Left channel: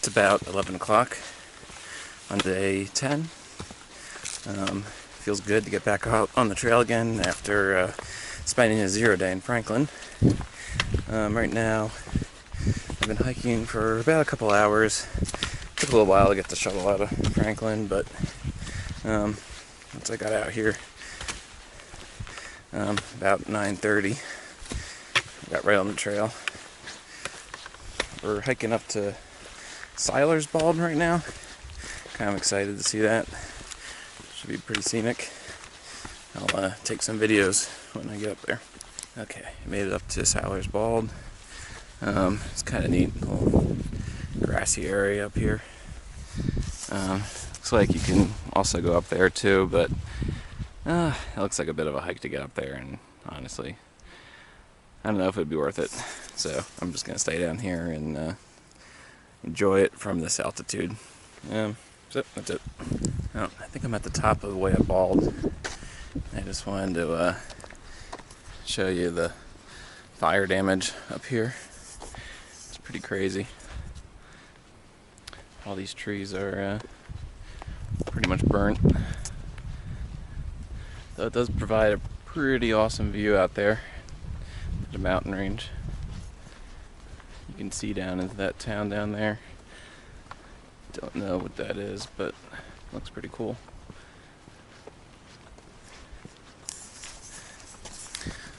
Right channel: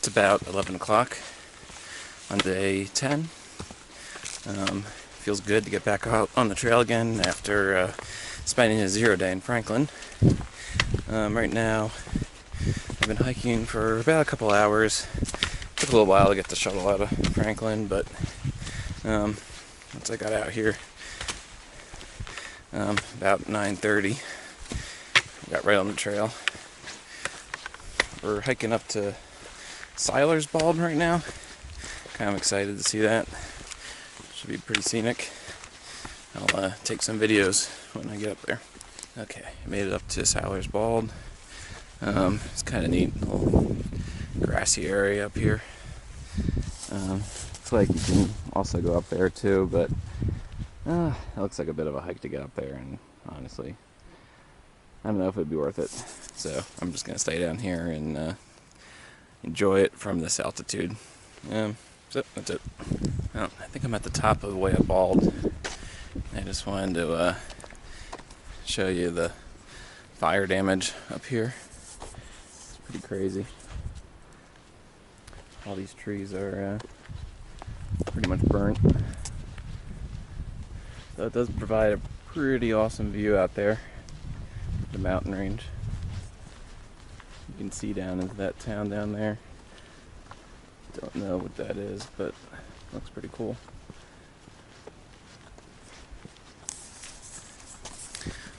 It's about 11 o'clock on day 10. Feels good to get back out on the trail again after spending a 0 day in Franklin. Right now, I've been hiking for about a couple hours. Took a little while to get the shuttle out of Franklin, but once I got out here, about 9:30, got right on the trail. We're hiking up to Siler's Bald right now. Kind of excited to see that. Should be pretty scenic. I'll take some videos when I get up there. Okay, I made it up to Siler's Bald. It's kind of neat, little grassy area up here. Looks like you can also go up there too, but it looks like a bit of a hike to get up there, and honestly, I don't know if it'd be worth it. So I'm just gonna stay down here and enjoy it from this altitude. So that's it. I think I'm at the top of the way up Bald. I just wanted to show you the fire damage up here. It's pretty crazy. All these trees are pretty much burnt. So it does provide a pretty awesome view out there, the mountain range. You can see down into that town down there. Don't know what that is, but looks pretty cool.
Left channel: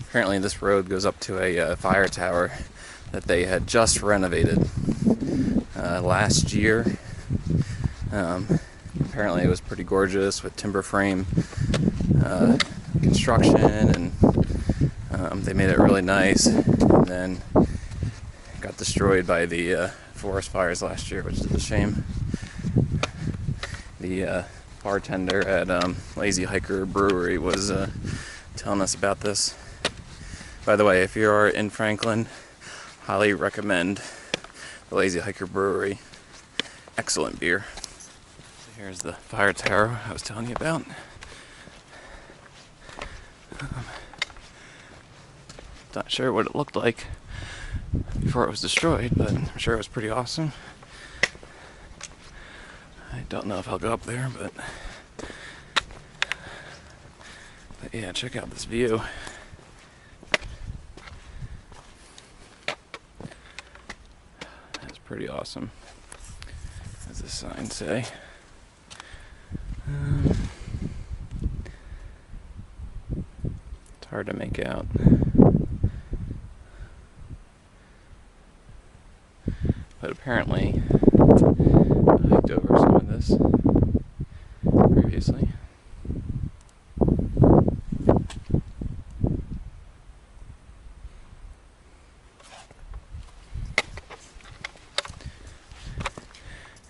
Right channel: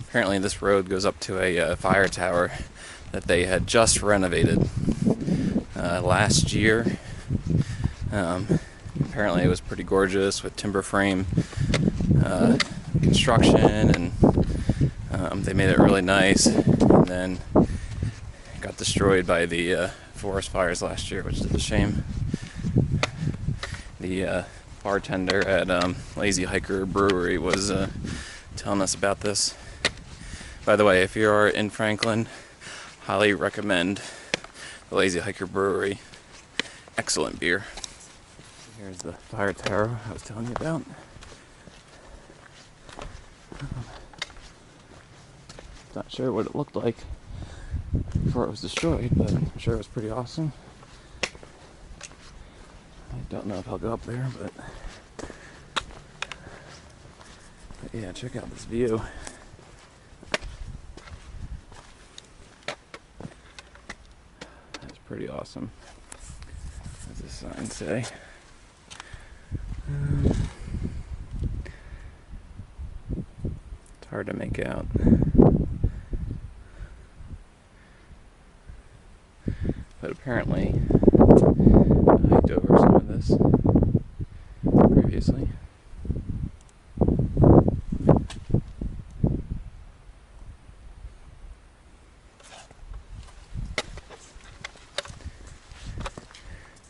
Apparently this road goes up to a fire tower that they had just renovated last year. Apparently it was pretty gorgeous with timber frame construction, and they made it really nice, and then it got destroyed by the forest fires last year, which is a shame. The bartender at Lazy Hiker Brewery was telling us about this. By the way, if you are in Franklin, highly recommend the Lazy Hiker Brewery. Excellent beer. So here's the fire tower I was telling you about. Not sure what it looked like before it was destroyed, but I'm sure it was pretty awesome. I don't know if I'll go up there, but yeah, check out this view. That's pretty awesome. As the sign say. It's hard to make out. But apparently, I hiked over some of this previously.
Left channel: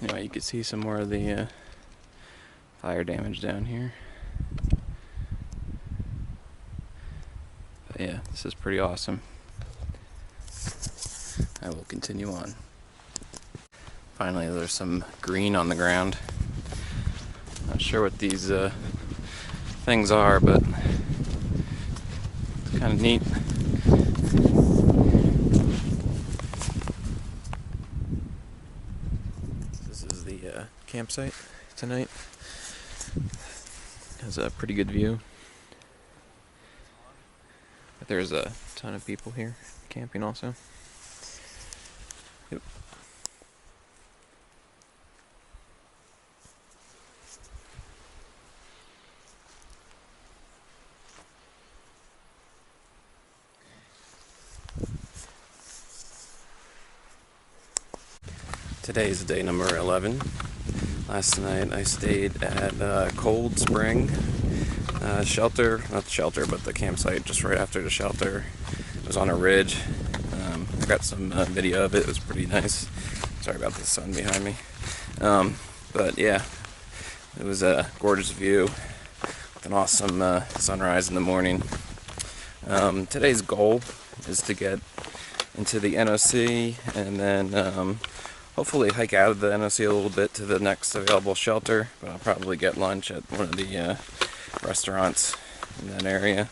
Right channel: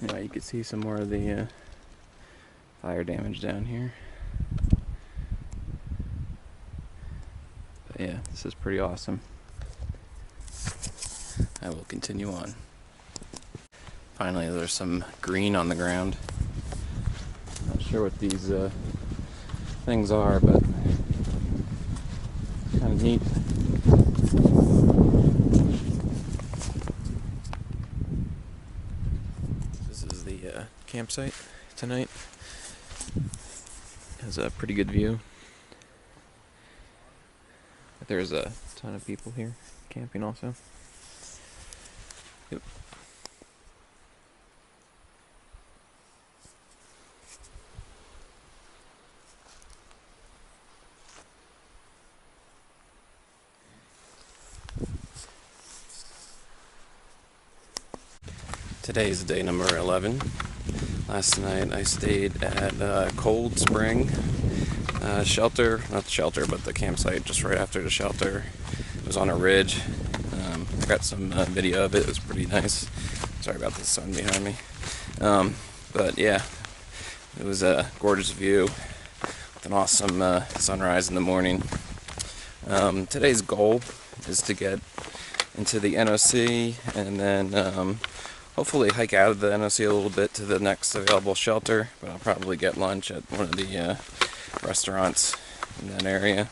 Anyway, you can see some more of the fire damage down here. But yeah, this is pretty awesome. I will continue on. Finally, there's some green on the ground. Not sure what these things are, but it's kind of neat. This is the campsite tonight. Has a pretty good view. But there's a ton of people here camping also. Yep. Today is day number 11. Last night I stayed at Cold Spring shelter, not the shelter, but the campsite just right after the shelter. It was on a ridge. I got some video of it. It was pretty nice. Sorry about the sun behind me. But yeah, it was a gorgeous view with an awesome sunrise in the morning. Today's goal is to get into the NOC and then hopefully hike out of the NOC a little bit to the next available shelter, but I'll probably get lunch at one of the restaurants in that area.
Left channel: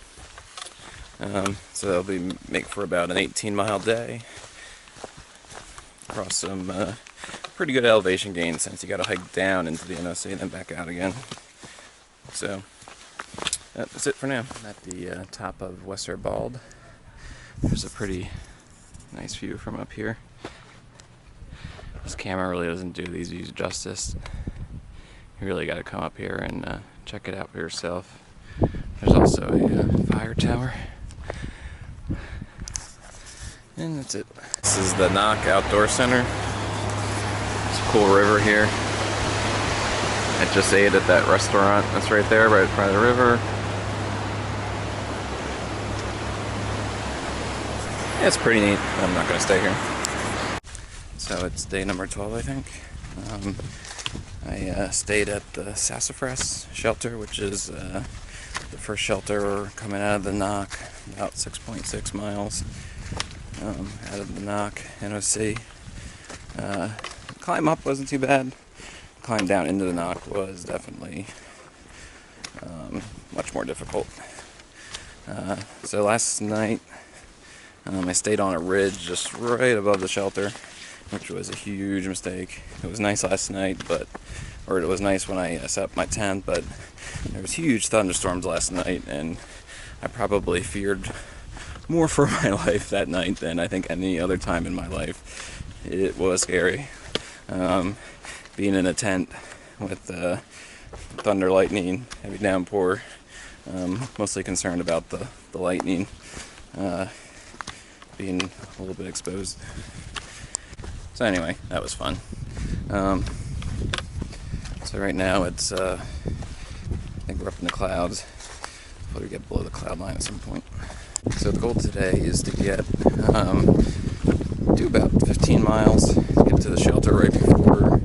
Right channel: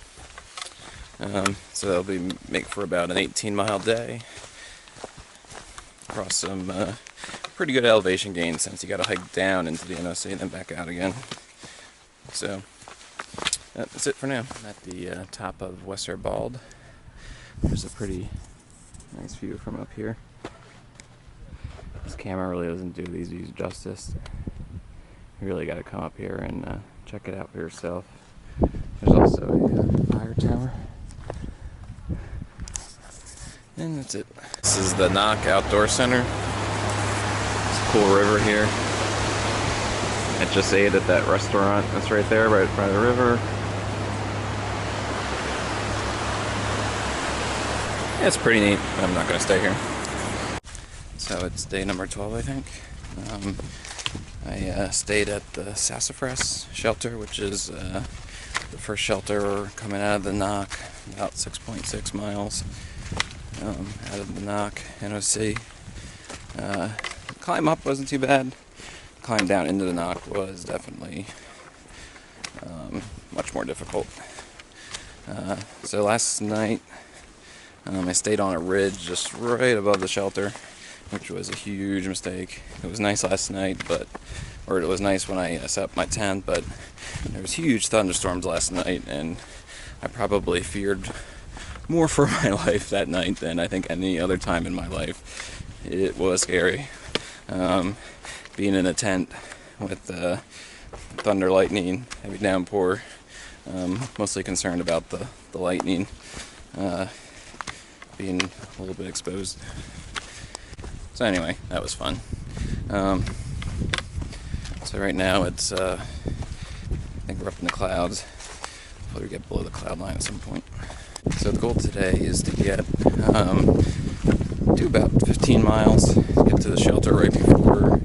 So that'll make for about an 18-mile day across some pretty good elevation gain since you got to hike down into the NOC and then back out again. So that's it for now. At the top of Wester Bald. There's a pretty nice view from up here. This camera really doesn't do these views justice. You really got to come up here and check it out for yourself. There's also a fire tower. And that's it. This is the Knock Outdoor Center. It's a cool river here. I just ate at that restaurant that's right there, right by the river. Yeah, it's pretty neat. I'm not going to stay here. So it's day number 12, I think. I stayed at the Sassafras shelter, which is the first shelter coming out of the Knock, about 6.6 miles out of the Knock NOC. The climb up wasn't too bad. The climb down into the Knock was definitely much more difficult. So last night I stayed on a ridge just right above the shelter, which was a huge mistake. It was nice last night, or it was nice when I set up my tent, but there was huge thunderstorms last night, and I probably feared more for my life that night than I think any other time in my life. It was scary. Being in a tent with thunder, lightning, heavy downpour. Mostly concerned about the lightning being a little bit exposed. So anyway, that was fun. So right now it's, I think we're up in the clouds. Hopefully we get below the cloud line at some point. So the goal today is to get, do about 15 miles, get to the shelter right before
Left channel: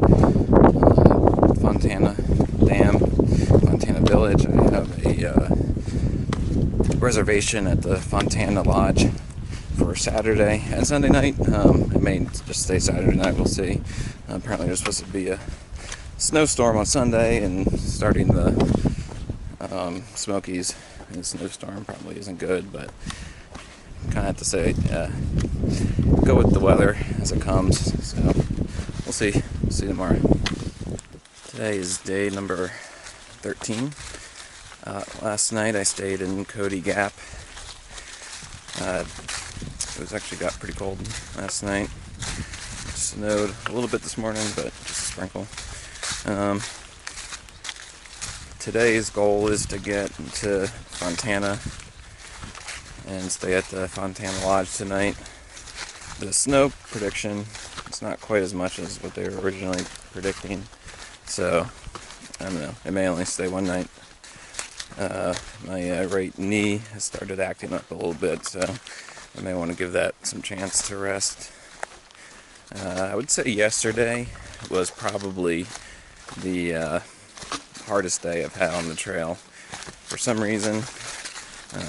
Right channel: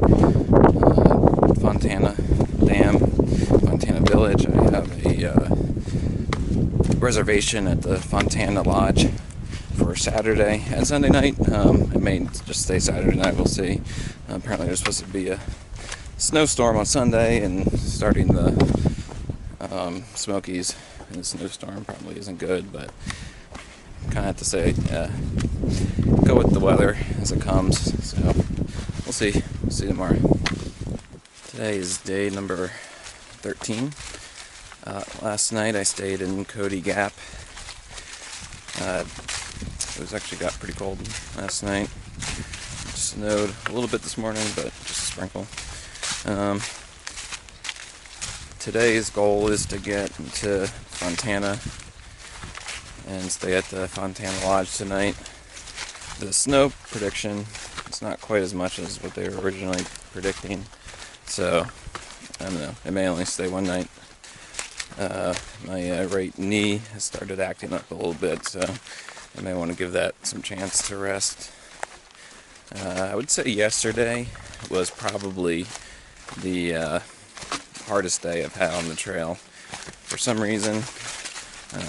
Fontana Dam, Fontana Village. I have a reservation at the Fontana Lodge for Saturday and Sunday night. I may just stay Saturday night, we'll see. Apparently there's supposed to be a snowstorm on Sunday, and starting the Smokies in the snowstorm probably isn't good, but kind of have to say go with the weather as it comes. So we'll see. We'll see tomorrow. Today is day number 13. Last night I stayed in Cody Gap. It was actually got pretty cold last night. It snowed a little bit this morning, but just a sprinkle. Today's goal is to get to Fontana and stay at the Fontana Lodge tonight. The snow prediction, it's not quite as much as what they were originally predicting, so I don't know, I may only stay one night. My right knee has started acting up a little bit, so I may want to give that some chance to rest. I would say yesterday was probably the hardest day I've had on the trail. For some reason,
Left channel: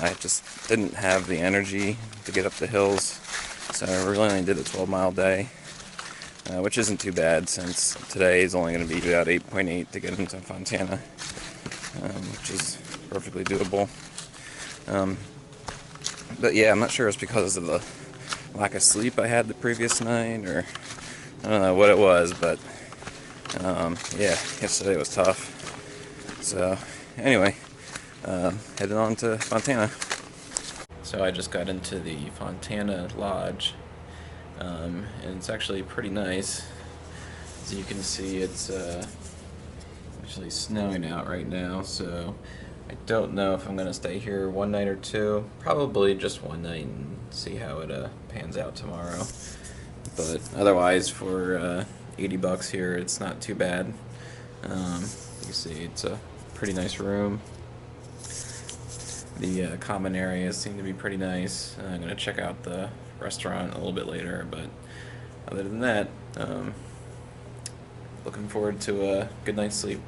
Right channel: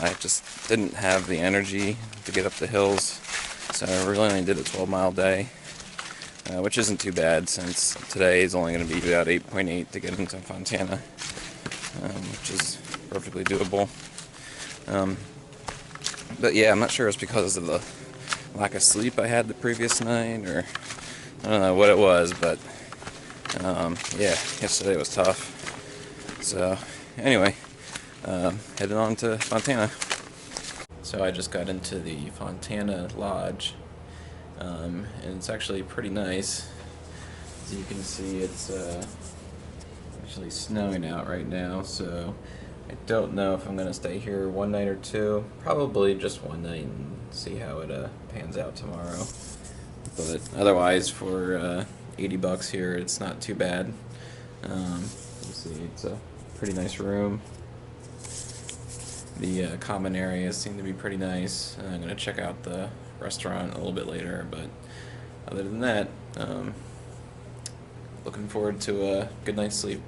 I just didn't have the energy to get up the hills, so I really only did a 12-mile day, which isn't too bad since today is only going to be about 8.8 to get into Fontana, which is perfectly doable. But yeah, I'm not sure it's because of the lack of sleep I had the previous night, or I don't know what it was, but yeah, yesterday was tough. So anyway, heading on to Fontana. So I just got into the Fontana Lodge, and it's actually pretty nice. As you can see, it's actually snowing out right now, so I don't know if I'm going to stay here one night or two. Probably just one night and see how it pans out tomorrow. But otherwise, for $80 here, it's not too bad. You see, it's a pretty nice room. The common areas seem to be pretty nice. I'm going to check out the restaurant a little bit later, but other than that, looking forward to a good night's sleep.